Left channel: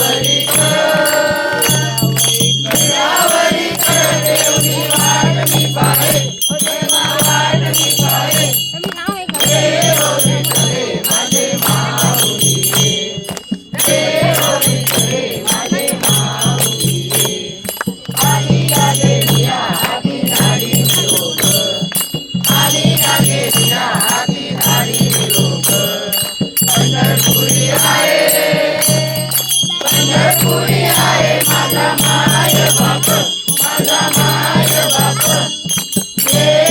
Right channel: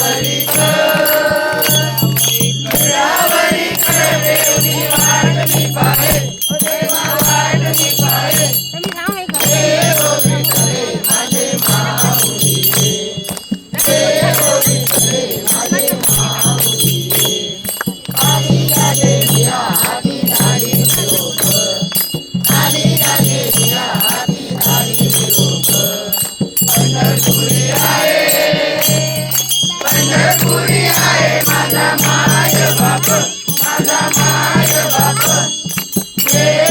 Hare